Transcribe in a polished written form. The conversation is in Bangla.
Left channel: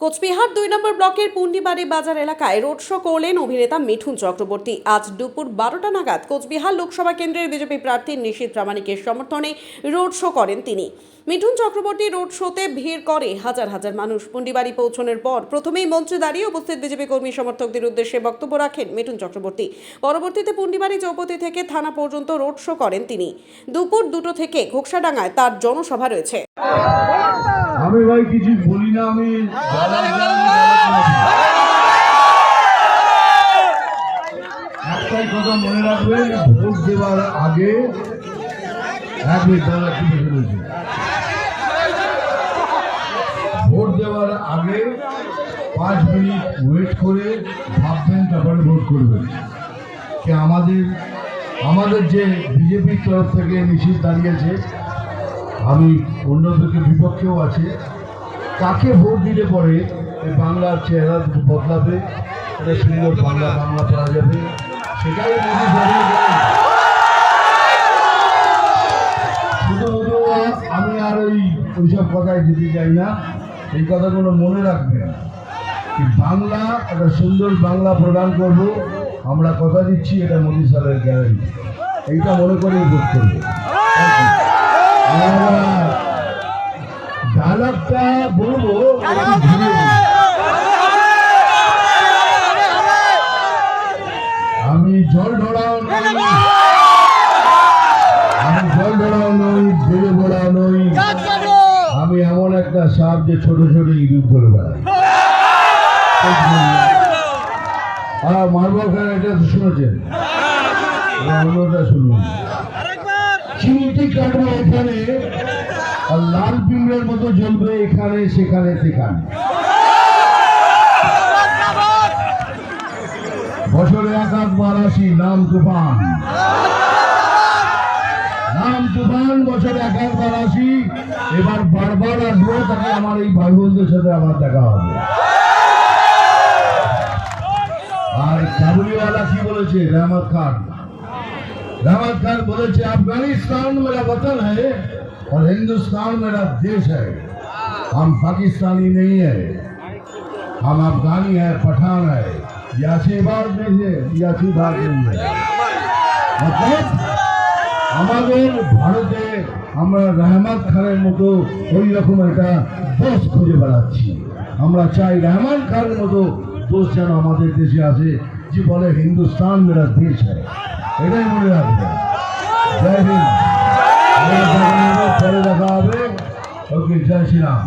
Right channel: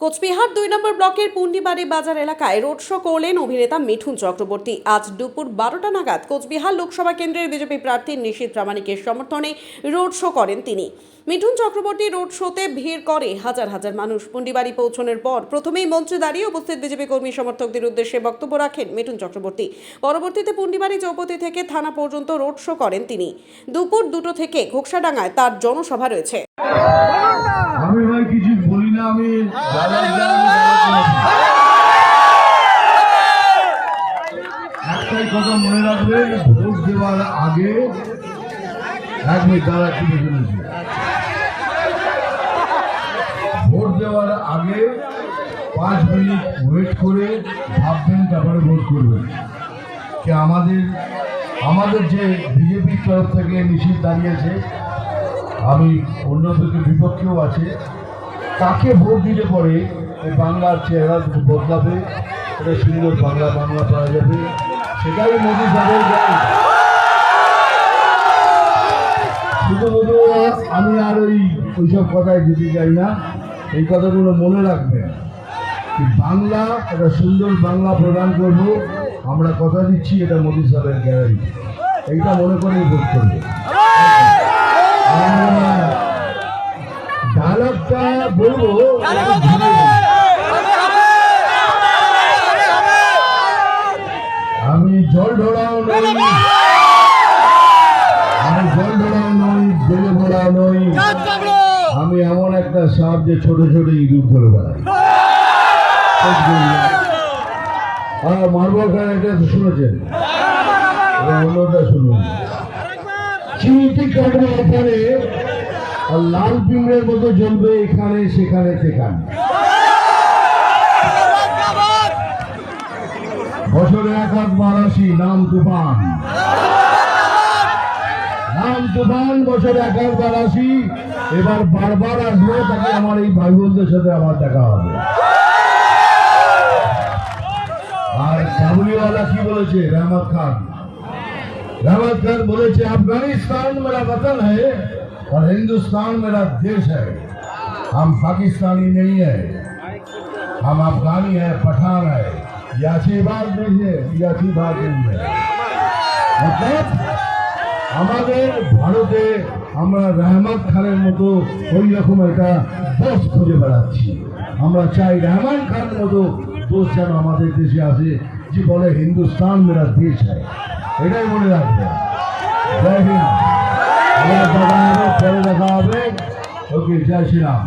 কোচবিহার ২ নম্বর ব্লকের পুন্ডিবাড়ি বাজার এলাকায় রোড শো করলেন অভিনেতা মিঠুন চক্রবর্তী। আজ দুপুর ১২টা নাগাদ কোচবিহার লোকসভা কেন্দ্রের বিজেপি প্রার্থী নিশীথ প্রামাণিকের সমর্থনে রোড শো করেন তিনি। মিঠুন চক্রবর্তী রোড শোতে ভিড় করে হাজার হাজার মানুষ। পুন্ডিবাড়ি পৌঁছানোর পর প্রথমেই মঞ্চে দাঁড়িয়ে উপস্থিত বিজেপি কর্মী সমর্থকদের উদ্দেশ্যে বক্তব্য রাখেন মিঠুন চক্রবর্তী। পরবর্তীতে পুন্ডিবাড়ি চৌপতি থেকে থানা পর্যন্ত রোড শো করেন তিনি। দুপুর ২টো থেকে ঘোকসাডাঙ্গায় তার জনসভা রয়েছে। আমি ভাই কিছু বলি না, আমি একটাই কথা মনে রাখবেন, ভোট দেওয়ার আগে এক মিনিট দাঁড়া কি শুনেছি, ভোট দেওয়ার আগে 5 মিনিট ওয়েট করে ভাববেন, তারপরে ভোট করবেন। কি আমাদের যে বিজেপির তরফ থেকে নিশীথ দাঁড়িয়েছে, আমি অন্যদেরকে বিপক্ষেও আছে, কাকে ভোট দিলে পরে বাংলার চেহারা বদলাবে, এটা সুন্দর বাংলা পাওয়া যাবে, সেটাই মোদী সাহেবের গান। শুধু আমি আর ওইসব কথায় যেতে চাই না, এই কথাগুলো মনে রাখবেন কি বাংলা একটা সুন্দর বাংলা প্রদান করব, আমরা কথা দিচ্ছি, এটা মোদী সাহেবের গ্যারান্টি, এইটা মনে করেই ভোট করবো। ডায়লগটা বলবো, আমি জল ঢোড়াও নই, বেড়ে ভোড়াও নই, আমি এমন একটা সাপ যে ছোট ছোট ইঁদুর করে বেড়াই। আর মারবার খান এটা শুনেছেন, অন্যটা শুনুন, চিমটি কাটবে এখানে আর লাল পিঁমড়ের মতো জ্বলবে এখানে সেখানে সেখানে। বছরে 1-8 আসি, নাম তুফান, বছরে 1-8 আসি, এবার বারবার আসবো, তাকে আমার এই ভাই বোনদের সাথে আমার দেখা হবে। আর কাবুলিওয়ালা কি বলেছে, রহমত খান বলেছে, আফগানিস্তান मेरा वतन है और हिंदुस्तान मेरा देश है, हम पाकिस्तानी नहीं है, हम अफगानी है, पठान है, याची बात नहीं है, याची बात नहीं है। मतलब আমাদের ভারতে আমরা রহমত খানের মতো ওই রকম একটা দোষ খুঁজে বেড়াচ্ছি। আমরা চাই রহমান খানের মতো দোষ যেন আমাদের দেশে আসে, যে বলে হিন্দুস্তান মেরা দেশ है, এটাই মনে রাখবে। জয় হিন্দ, পরে দেখা হবে। ওকে, জয় শ্রীরাম।